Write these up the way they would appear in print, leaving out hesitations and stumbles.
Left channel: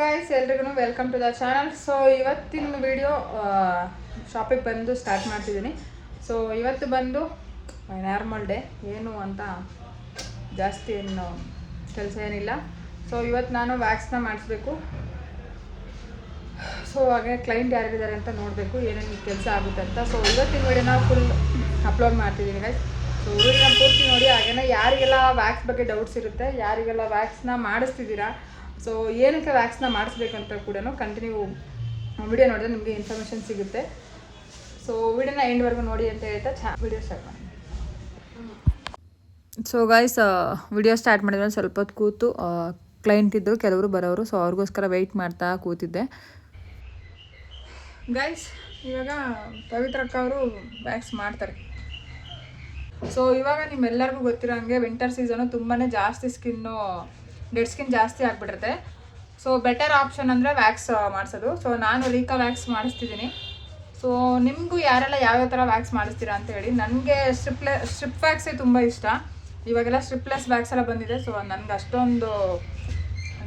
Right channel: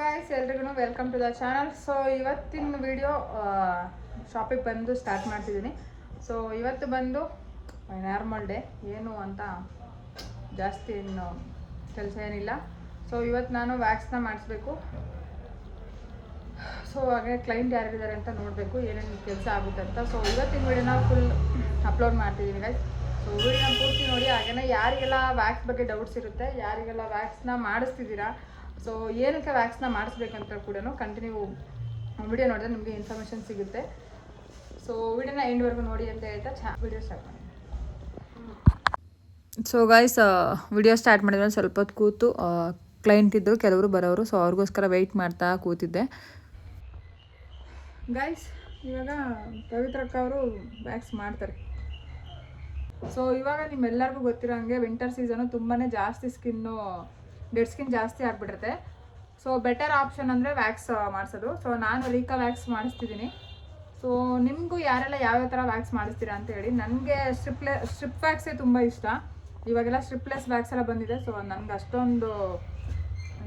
Guys, ಎಲ್ರಿಗೂ welcome to the channel. So ಇವತ್ತಿನ video ಶಾಪಿಗೆ ಬಂದು ಸ್ಟಾರ್ಟ್ ಮಾಡ್ತಿದ್ದೀನಿ. ಸೊ ಇವತ್ತು ಬಂದು ನಾರ್ಮಲ್ ಡೇ, ಏನು ಅಂತ ಜಾಸ್ತಿ ಏನು ಕೆಲಸ ಏನಿಲ್ಲ. ಸೊ ಇವತ್ತು ನಾನು ವ್ಯಾಕ್ಸ್ನ ಮಾಡಿಸ್ಬೇಕು. ಸೊ ಹಾಗೆ ಕ್ಲೈಂಟ್ ಯಾರಿದ್ದಾರೆ ಅಂತ ನೋಡಬೇಕು, ಏನೇನು ಕೆಲಸ ಆಗುತ್ತೆ ಅಂತ. ಸೊ ಇವತ್ತಿನ ವಿಡಿಯೋನ ಫುಲ್ ಅಪ್ಲೋಡ್ ಮಾಡ್ತಿದ್ದೀನಿ ಗೈಸ್. ಸೊ ವಿಡಿಯೋನ ಪೂರ್ತಿ ನೋಡಿ. ಹಾಗೇನೆ ಯಾರಿಗೆಲ್ಲ ವ್ಯಾಕ್ಸ್ ಬಗ್ಗೆ ಡೌಟ್ಸ್ ಇರುತ್ತೆ, ಯಾರಿಗೆಲ್ಲ ವ್ಯಾಕ್ಸ್ನ ಮಾಡಿಸ್ತಿದ್ದೀರಾ, ಸೊ ಏನಕ್ಕೆ ವ್ಯಾಕ್ಸ್ನ ಮಾಡಿಸ್ಬೇಕಂತ ಕೂಡ ಕಂಟಿನ್ಯೂ ವಿಡಿಯೋ ನೋಡಿದ್ರೆ ನಿಮಗೆ ಇನ್ಫಾರ್ಮೇಷನ್ ಸಿಗುತ್ತೆ. ಸೊ ವಿಡಿಯೋನ ಎಂಡ್ವರೆಗೂ ನೋಡಿ ಅಂತ ಹೇಳ್ತಾ ವಿಡಿಯೋ ಸ್ಟಾರ್ಟ್ ಮಾಡಿ. ಸೊ ಗೈಸ್, ವಿಡಿಯೋ ಸ್ಟಾರ್ಟ್ ಮಾಡಿದ್ರೆ ಸ್ವಲ್ಪ ಹೊತ್ತು ಕೂತು ಕ್ಲೈಂಟ್ ಇದ್ದರು, ಕೆಲವರು ಬರೋರು. ಸೊ ಅವ್ರಿಗೋಸ್ಕರ ವೆಯ್ಟ್ ಮಾಡ್ತಾ ಕೂತಿದ್ದೆ. ಗೈಸ್, ಇವಾಗ ಪವಿತ್ರಕ್ಕ ಅವರು ವ್ಯಾಕ್ಸ್ ಮಾಡ್ತಾರೆ. ಸೊ ಇವಾಗ ನಿಮ್ಮೆಲ್ಲರಿಗೂ ಗೊತ್ತಿರೋ ಹಂಗೆ ವಿಂಟರ್ ಸೀಸನು ತುಂಬಾ ಜಾಸ್ತಿ ಡೆಡ್ ಸ್ಕಿನ್ ಜಾಸ್ತಿ ಆಗಿಬಿಟ್ಟಿರುತ್ತೆ. ಸೊ ಬೆಟರ್ ಆಪ್ಷನ್ ಅಂದರೆ ವ್ಯಾಕ್ಸ್ ಮಾಡಿಸೋದು. ಸೊ ನಾನು ರೀಕಾ ವ್ಯಾಕ್ಸ್ ಮಾಡಿಸ್ತಿದ್ದೀನಿ. ಸೊ ನಿಮಗೂ ಯಾರೆಲ್ಲ ಯಾವ್ಯಾವ ಥರ ವ್ಯಾಕ್ಸ್ ಮಾಡಿಸ್ತೀರಾ ಅಂತ ಹೇಳಿ. ನನಗೆ ಸ್ಟ್ರಿಪ್ ವ್ಯಾಕ್ಸೇ ತುಂಬ ಇಷ್ಟ. ಇವಾಗೆಲ್ಲ ಸ್ಟ್ರಿಪ್ಲೆಸ್ ವ್ಯಾಕ್ಸ್ ಎಲ್ಲ ಬಂದಿದೆ. ಸೊ ನನಗೆ ಅಷ್ಟೊಂದು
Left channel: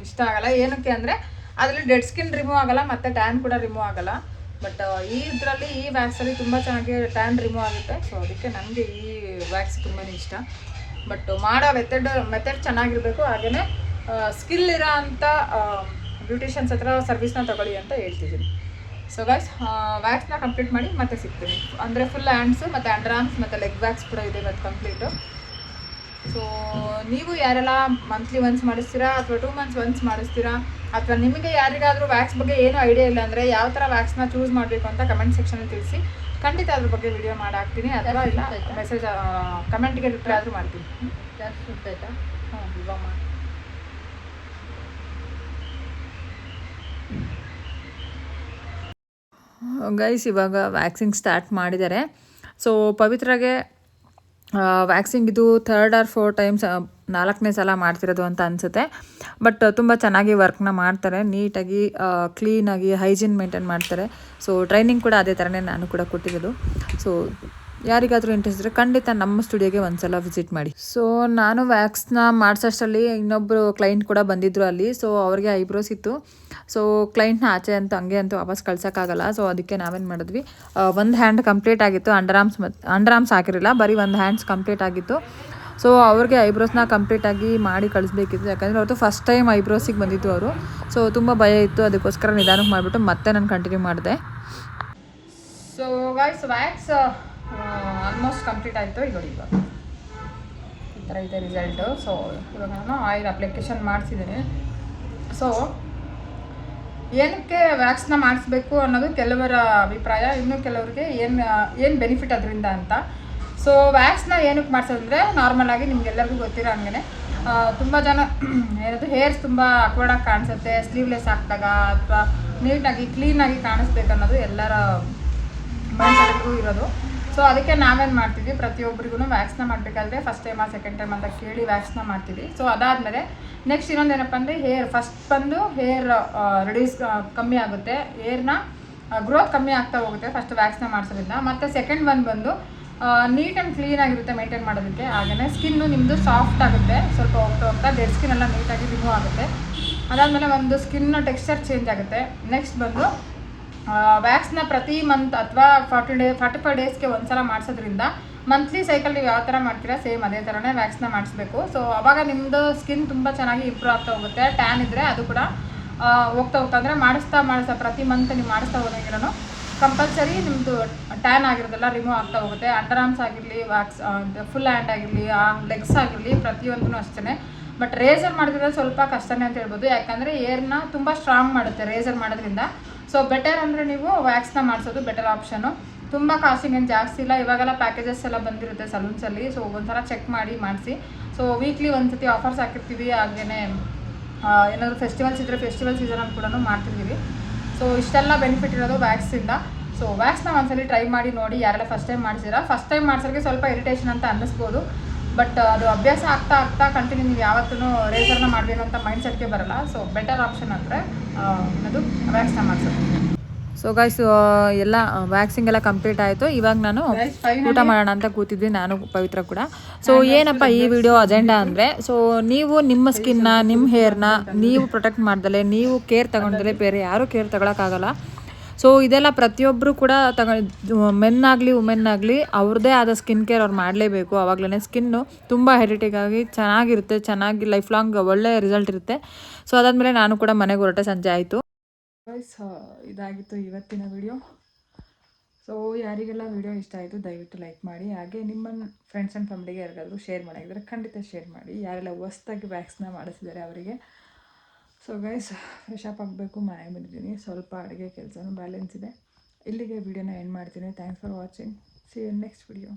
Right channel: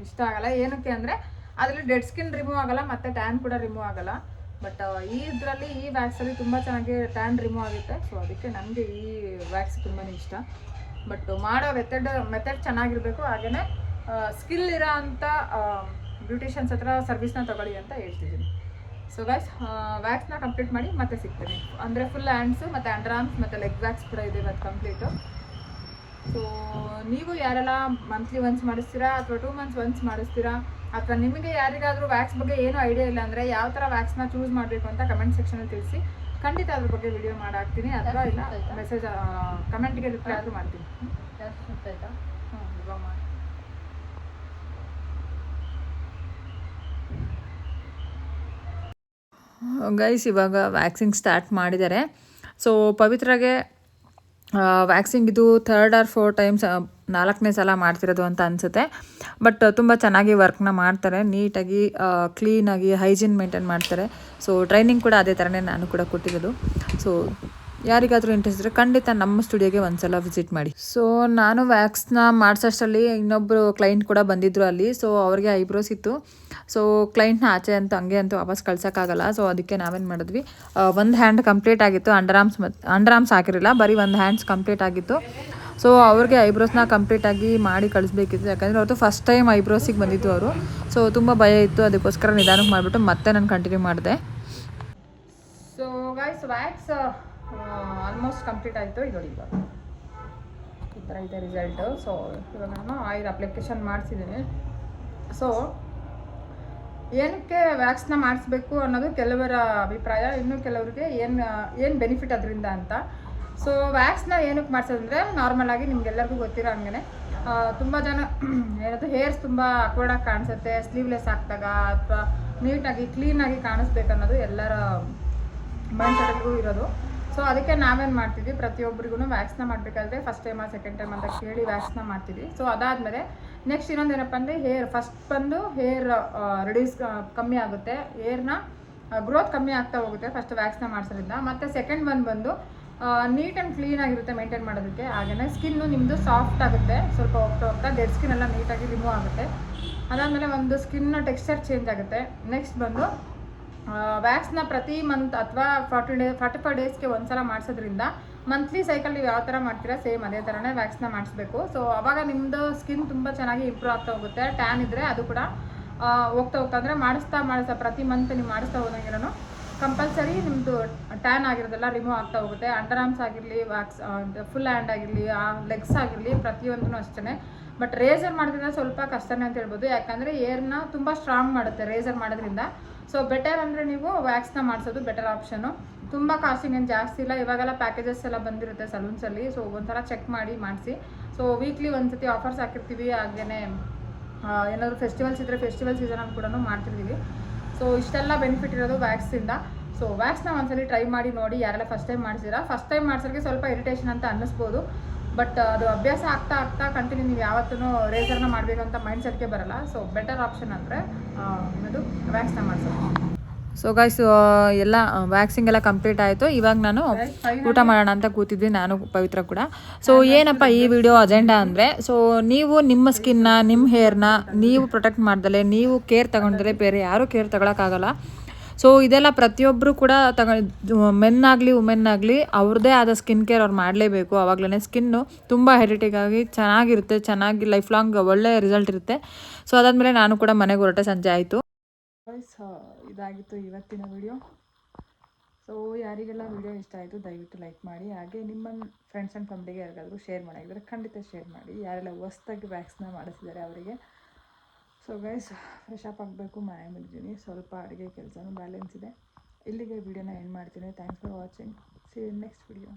ಇಷ್ಟ ಆಗಲ್ಲ. ಏನಕ್ಕೆ ಅಂದರೆ ಅದರಲ್ಲಿ ಡೆಡ್ ಸ್ಕಿನ್ ರಿಮೂವ್ ಆಗಲ್ಲ ಮತ್ತು ಟ್ಯಾನ್ ಕೂಡ ರಿಮೂವ್ ಆಗಲ್ಲ. ಬಟ್ ಈ ವ್ಯಾಕ್ಸಲ್ಲಿ ತುಂಬ ಚೆನ್ನಾಗಿ ಟ್ಯಾನ್ ರಿಮೂವ್ ಆಗುತ್ತೆ. ಸೊ ಅದಕ್ಕೆ ನನಗೆ ಈ ವ್ಯಾಕ್ಸ್ ತುಂಬಾ ಇಷ್ಟ. ಬಟ್ ಮಾಡೋ ಮೆಥಡ್ ಚೆನ್ನಾಗಿರಬೇಕು. ಹಾಗೆಯೇ ಸ್ಕಿಲ್ ಇರೋ ಅಂಥ ಬ್ಯೂಟಿಷಿಯನ್ಸ್ ಹತ್ರ ಸರ್ವಿಸ್ನ ತಗೊಳ್ಳಿ ಅಂತ ಹೇಳ್ತಿದ್ದೀನಿ. ಸೊ ಗೈಸ್, ವ್ಯಾಕ್ಸ್ನ ಕಂಪ್ಲೀಟ್ ಮಾಡಿ ಮತ್ತೆ ಸಿಗ್ತೀವಿ. ಅಂದರೆ ಫುಲ್ ಹ್ಯಾಂಡ್ಸು ಮತ್ತು ಅಂಡರ್ ಆರ್ಮ್ಸ್ ಮತ್ತು ಲೆಗ್ ವ್ಯಾಕ್ಸ್ ಕೂಡ ಇದೆ ಇವತ್ತು ಕಂಪ್ಲೀಟು. ಸೊ ನೀವು ಯಾರೆಲ್ಲ ಮಂತ್ಲಿ ಒನ್ಸ್ ಮಾಡಿಸ್ತೀರಾ ಅಥವಾ 2 months ಒನ್ಸ್ ಮಾಡಿಸ್ತೀರಾ, ಅಥವಾ ನಿಮಗೆ ಯಾರಿಗಾದರೂ ವ್ಯಾಕ್ಸ್ ಬಗ್ಗೆ ಏನೂ ಐಡಿಯಾ ಇಲ್ಲ ಅಂದರೆ ಯಾವ ಥರ ವ್ಯಾಕ್ಸ್ನ ಚೂಸ್ ಮಾಡಬೇಕು ಅಂತ ಕಮೆಂಟ್ ಸೆಕ್ಷನಲ್ಲಿ ತಿಳಿಸಿ. ಖಂಡಿತ ಅದ್ರ ಬಗ್ಗೆ ವಿಡಿಯೋ ಮಾಡಾಕ್ತೀನಿ. ಅಥವಾ ಇಲ್ಲ ಮೆಸೇಜ್ ಕಮೆಂಟ್ಗೆ ರಿಪ್ಲೈ ಆದರೂ ಮಾಡ್ತೀನಿ. ಗೈಸ್, ಇವಾಗ ವ್ಯಾಕ್ಸಿಂಗ್ ಸ್ಟಾರ್ಟ್ ಮಾಡಿದ್ದಾರೆ. ಸೊ ಪವಿತ್ರಾಗೆ ವ್ಯಾಕ್ಸಿಂಗ್ ಇದು 3rd or 4th ಟೈಮ್ಸ್ 4ನೇ ಸಲ ಮಾಡ್ತಿರೋದು ಅಂತ ಅನಿಸುತ್ತೆ. ಬಟ್ ತುಂಬ ಚೆನ್ನಾಗಿ ವರ್ಕ್ನ ಮಾಡ್ತಾರೆ, ನೀಟಾಗಿ ಕ್ಲೀನಾಗಿ ಹೈಜೀನ್ ಮೇಂಟೈನ್ ಮಾಡ್ತಾರೆ. ಸೊ ಟ್ರೈನಿಂಗ್ ಕೂಡ ಅದೇ ಥರನೇ ನಾನು ಕೂಡ ಕೊಟ್ಟಿರೋದು. ಸೊ ಯಾರಿಗಾದರೂ ಇಂಟ್ರೆಸ್ಟ್ ಇದ್ದರೆ ಖಂಡಿತ ನಮ್ಮ ಸ್ಟುಡಿಯೋಗೆ ಒಂದ್ಸಲ ವಿಸಿಟ್ ಮಾಡಿ. ಸೊ ನಾನು ವ್ಯಾಕ್ಸ್ನ ಮಾಡಿಸೋಷ್ಟರಲ್ಲಿ ಇನ್ನೊಬ್ಬರು ಕ್ಲೈಂಟ್ ಕೂಡ ಬಂದಿದ್ದರು ಅಲ್ಲಿ. ಸೊ ಅವ್ರಿಗೆ ಐಬ್ರೋಸ್ ಇತ್ತು. ಸೊ ಕ್ಲೈಂಟ್ನ ಆಚೆ ಅಂತೂ ವಾಪಸ್ ಕಳ್ಸೋಕ್ಕಾಗಲ್ಲ. ಸೊ ಅದಕ್ಕೆ ನಾವೇನು ಮಾಡಿದ್ವಿ, ಒಂದು ಹ್ಯಾಂಡ್ ಕಂಪ್ಲೀಟ್ ಆಗಿತ್ತು, ಅಂಡರ್ ಆರ್ಮ್ಸ್ ಹಾಕಿರಲಿಲ್ಲ, ಬರೀ ಒಂದು ಹ್ಯಾಂಡ್ಸ್ ಕಂಪ್ಲೀಟ್ ಆಗಿತ್ತು. ಸೊ ಅವ್ರಿಗೆ ಐಬ್ರೋಸ್ನ ಕಂಪ್ಲೀಟಾಗಿ ಮಾಡಿ ಕಳಿಸ್ಬೇಕಿತ್ತು. ಯಾಕಂದರೆ ಅವ್ರದ್ದು ಫಸ್ಟ್ ಟೈಮ್ ಐಬ್ರೋಸಿಗೆ ಬಂದಿದ್ದು ಅವರು. ಸೊ ತುಂಬ ಭಯ ಇತ್ತು, ಅದಕ್ಕೋಸ್ಕರ ನಿಧಾನಕ್ಕೆ ಮಾಡಿಬಿಟ್ಟು ಮತ್ತೆ ನಾನು ಕಂಟಿನ್ಯೂ ಮಾಡಿದೆ. So guys, wax almost complete ಆಯಿತು. ಇವಾಗ ಈ ಥರ ಇದೆ ರಿಸಲ್ಟು. ಸೊ ಇವಾಗ ನಾನು ಆಯಿಲ್ ಅಪ್ಲಿಕೇಶನ್ ಮಾಡಿಸಿದ್ದೀನಿ. ಸೊ ಏನಕ್ಕೆ ವ್ಯಾಕ್ಸ್ನ ಮಾಡಿಸ್ಬೇಕು ಅನ್ನೋದು ಕೆಲವರ ಅಭಿಪ್ರಾಯ, ಇನ್ನು ಕೆಲವರಿಗೆ ಏನು ಬೆನಿಫಿಟ್ ಅದರಿಂದ ಅಂತ. ಸೊ ವ್ಯಾಕ್ಸ್ನ ಏನಕ್ಕೆ ಮಾಡಿಸೋದಂದರೆ, ನಾರ್ಮಲಾಗಿ ನಿಮಗೆಲ್ಲರಿಗೂ ಗೊತ್ತಿರೋ ಹಂಗೆ ತುಂಬ ಜನ ಹೇರ್ಸ್ ತುಂಬ ಅಕ್ವರ್ಡಾಗಿ ಕಾಣಿಸುತ್ತೆ ಸ್ಲೀವ್ಲೆಸ್ ಹಾಕಿದಾಗ, ಅಥವಾ ನೀಟಾಗಿ ಕ್ಲೀನಾಗಿ ಕಾಣಿಸ್ಬೇಕು ಅನ್ನೋದು ಎಲ್ಲರ ಮೈಂಡ್ಸೆಟ್ಗೂ ಇರೋದು. ಸೊ ಅದಕ್ಕೆ ನಾವೇನು ಮಾಡ್ತೀವಿ, ಪ್ರತಿಯೊಬ್ಬರಿಗೂ ವ್ಯಾಕ್ಸ್ನ ಮಾಡಬೇಕಾದ್ರೆ ಫಸ್ಟ್ ಟೈಮ್ ಸೆಕೆಂಡ್ ಟೈಮ್ ಅಂತ ಕೇಳಿ ವ್ಯಾಕ್ಸ್ನ ಮಾಡ್ತೀವಿ. ಸೊ ಅದಾದಮೇಲೆ ನೆಕ್ಸ್ಟ್ ಇನ್ನೊಂದೇನಪ್ಪ ಅಂದರೆ ಫಸ್ಟ್ ಬಂದು ಹೇರ್ ರೆಡ್ಯೂಸ್ ಕಮ್ಮಿ ಆಗುತ್ತೆ, ಹೇರ್ನ ಗ್ರೋತ್ ಕಮ್ಮಿ ಆಗ್ತಾ ಹೋಗುತ್ತೆ ಫಸ್ಟ್ ವ್ಯಾಕ್ಸ್ನ ಮಾಡಿಸೋದ್ರಿಂದ. ಮತ್ತು ಸೆಕೆಂಡ್ ಬಂದು ನೀಟ್ ಆ್ಯಂಡ್ ಕ್ಲೀನಾಗಿರುತ್ತೆ ಮೇಂಟೈನ್ ಮಾಡೋದಕ್ಕೆ. ಹಾಗೆಯೇ ಸ್ಕಿನ್ನು ನಿಮ್ಮದು ಸಾಫ್ಟ್ ಆಗುತ್ತೆ, ಸ್ವಲ್ಪ ಹೋಗ್ತಾ ಡೆಡ್ ಸ್ಕಿನ್ ಎಲ್ಲ ನೀಟಾಗಿ ರಿಮೂವ್ ಆಗುತ್ತೆ. ಅದಾದಮೇಲೆ ಒಂದು ಸ್ಕಿನ್ ಟೆಕ್ಸ್ಚರ್ ಚೇಂಜ್ ಆಗುತ್ತೆ. ನೆಕ್ಸ್ಟ್ ಬಂದು ವ್ಯಾಕ್ಸ್ನ ಪ್ರತಿ ಮಂತ್ ಅಥವಾ 45 ಡೇಸ್ಗೆ ಒಂದ್ಸಲ ಮಾಡಿಸೋದ್ರಿಂದ ಮಂತ್ಲಿ ಸೈಕಲ್ ನೀವು ಯಾವ ಥರ ಮಾಡ್ತೀರಾ ಸೇಮ್ ಅದೇ ಥರನೇ ವ್ಯಾಕ್ಸ್ನ ಮಾಡಿಸ್ಬೇಕು. ಸೊ ಅವಾಗ ನಿಮ್ಮದು ಸ್ಕಿನ್ ತುಂಬ ಚೆನ್ನಾಗಿ ಇಂಪ್ರೂವ್ ಆಗ್ತಾ ಹೋಗುತ್ತೆ. ಟ್ಯಾನ್ ಇದ್ದರೆ ಅದು ಕೂಡ ಹೋಗ್ತಾ ಅಂದರೆ ಮಾಡಿಸ್ತಾ ಪ್ರತಿ ಮಂತ್ ನೀವು ಮಾಡಿಸ್ತಾ ಹೋದಾಗಿರೋನು ಕಂಪಲ್ಸರಿ ನಿಮ್ಮದು ಟ್ಯಾನ್ ಆಗಿರೋದೆಲ್ಲ ರಿಮೂವ್ ಆಗ್ತಾ ಹೋಗುತ್ತೆ. ಅಂಡರ್ ಆರ್ಮ್ಸ್ ಆಗಿರಲಿ, ವ್ಯಾಕ್ಸ್ ಫುಲ್ ಹ್ಯಾಂಡ್ ಆಗಿರಲಿ, ಲೆಗ್ಸ್ ಆಗಿರಲಿ, ಪ್ರತಿಯೊಂದೂ ಅಷ್ಟೇ. ಬಟ್ ರೇಸರ್ ಮಾಡಿದ್ರೆ ಸ್ವಲ್ಪ ಕಷ್ಟನೇ ಅಂತ ಹೇಳ್ಬೋದು, ಯಾಕಂದರೆ ಏರ್ನ ತುಂಬ ಸ್ಟ್ರಾಂಗ್ ಮಾಡುತ್ತೆ ರೇಸರ್ ಮಾಡೋದ್ರಿಂದ. ಸೊ ಬೆಟರ್ ಅಂದರೆ ನೀವು ವ್ಯಾಕ್ಸ್ನ ಮಾಡಿಸೋದು ಬೆಟರ್ ಆಪ್ಷನು. ತುಂಬ ಕಾಸ್ಟಿಂಗ್ ಏನು ಜಾಸ್ತಿ ಇಲ್ಲ. ಇವಾಗೆಲ್ಲ ಪ್ಯಾಕೇಜಸ್ ಎಲ್ಲ ಬಂದಿರುತ್ತೆ ಸಲೂನ್ಸಲ್ಲಿ. ಸೊ ಒಂದ್ಸಲ ಚೆಕ್ ಮಾಡಿ ಮಾಡಿಸಿ. ಸೊ ವೀಕ್ಲಿ ಒಂದ್ಸತಿ ಆಫರ್ಸ್ ಹಾಕಿರ್ತೀವಿ. ಹಾಗೆಯೇ ಏನಾದರೂ ಫೆಸ್ಟಿವಲ್ಸ್ ಇದ್ದರೆ ಫೆಸ್ಟಿವಲ್ ಸೀಸನಲ್ಲಿ ಕೂಡ ಮಾಡ್ತಿರ್ತೀವಿ. ಸೊ ಇಷ್ಟೆಲ್ಲ ಬೆನಿಫಿಟ್ ಇರೋದು ವ್ಯಾಕ್ಸಿಂದ. ಸೊ ವ್ಯಾಕ್ಸ್ನ ಒಂದ್ಸಲಿ ಟ್ರೈ ಮಾಡಿ ನೋಡಿ, ಯಾರೆಲ್ಲ ಫಸ್ಟ್ ಟೈಮ್ ಮಾಡಿಸಿರಾ. ಫಸ್ಟ್ ಟೈಮ್ ಮಾಡಿಸೋರಿಗೆ ಸ್ವಲ್ಪ ಇರಿಟೇಷನ್ ಅಂತ ಅನ್ನಿಸ್ಬೋದು. ಬಟ್ ಅದು ಅಭ್ಯಾಸ ಆಗ್ತಾ ಕಂಟಿನ್ಯೂ ನೀವು ಯಾವತ್ತೂ ರೇಸರ್ನ ಮಾಡಬೇಕು ಅಂತ ಮೈಂಡ್ ಸೆಟ್ಗೆ ಬರಲ್ಲ. ಸೊ ಬೆಟರ್ ಆಪ್ಷನ್ ಅಂದರೆ ಅದು ವ್ಯಾಕ್ಸ್ನ ಮಾಡಿಸೋದು. ಸೊ ಗೈಸ್ ಎಲ್ಲ ವ್ಯಾಕ್ಸಿಂಗ್ ಎಲ್ಲ ಕಂಪ್ಲೀಟ್ ಆಯಿತು. ಇವಾಗ ನಾನು ಊಟ ಮಾಡೋಣ ಅಂತ ಕೂತಿದ್ವಿ, ನಾನು ಪವಿತ್ರ ಕೂಡ. ಸೊ ಏನಪ್ಪ ಈ ವಿಡಿಯೋ ಅಜೆಂಡಾ ಅಂದರೆ, ಸೊ ನೀವು ನಿಮ್ಮ ಸ್ಕಿನ್ನ, ನಿಮ್ಮ ಹೇರ್ನ ನೀವು ಪ್ರೊಟೆಕ್ಟ್ ಮಾಡ್ದಲೆ, ನೀವು ಕೇರ್ ತಗೊಂಡ್ರೆ ಬೇರೆ ಯಾರೂ ಕೇರ್ ತಗೊಳಕ್ಕಾಗಲ್ಲ. ಸೊ ಇದೆಲ್ಲ ಪ್ರತಿಯೊಬ್ಬರು ಕೂಡ ಮೆನ್ ಆಗಲಿ ವುಮೆನ್ ಆಗಲಿ ಅವ್ರದ್ದೇ ಆದ ಸ್ಕಿನ್ ಕೇರ್ ಅವ್ರು ಮಾಡಲೇಬೇಕು. ಆವಾಗಲೇ ಸ್ಕಿನ್ನು ತುಂಬ ಹೆರಿಟಿಗಾಗಿ ಚೆನ್ನಾಗಿರುತ್ತೆ, ಚೆನ್ನಾಗಿ ಲೈಫ್ ಲಾಂಗ್ ಒಳ್ಳೆ ರಿಸಲ್ಟ್ ಇರುತ್ತೆ. ಸೊ ಅದಾದಮೇಲೆ ನಾನು ಕೂಡ ಮನೆಗೆ ಹೊರಟೆ, ಸಂಜೆ ಆಯಿತು. ಇದಾಗಿತ್ತು ಇವತ್ತಿನ ವಿಡಿಯೋ. ಸೊ ಯಾರಿಗೆಲ್ಲ ವಿಡಿಯೋ ಇಷ್ಟ ಆಯಿತು ದಯವಿಟ್ಟು ಲೈಕ್ ಮಾಡಿ, ಹಾಗೆ ನಿಮ್ಮ ಫ್ರೆಂಡ್ಸ್ ಆ್ಯಂಡ್ ಫ್ಯಾಮಿಲಿಗೆ ಯಾರಿಗಾದರೂ ಶೇರ್ ಮಾಡಿದರೆ ಖಂಡಿತ ಶೇರ್ ಮಾಡಿ. ಯಾರೆಲ್ಲ ಹೊಸ್ದಾಗಿ ವ್ಯಾಕ್ಸ್ನ ಮಾಡಿಸಿದ್ದಾರೆ ಅವರಿಗೆ. ಸೊ ಗೈಸ್ ಫ್ರೆಶ್ ಅಪ್ ಆಗಬೇಕು, ಮನೆಗೆ ಬಂದಿದ್ದೀನಿ, ಸ್ವಲ್ಪ ಅಡುಗೆ ಕೆಲಸನೂ ಬ್ಯಾಲೆನ್ಸ್ ಇದೆ. ಇಲ್ಲಿಗೆ ವಿಡಿಯೋನ ಎಂಡ್ ಮಾಡ್ತೀನಿ. Thanks for watching. See you next video.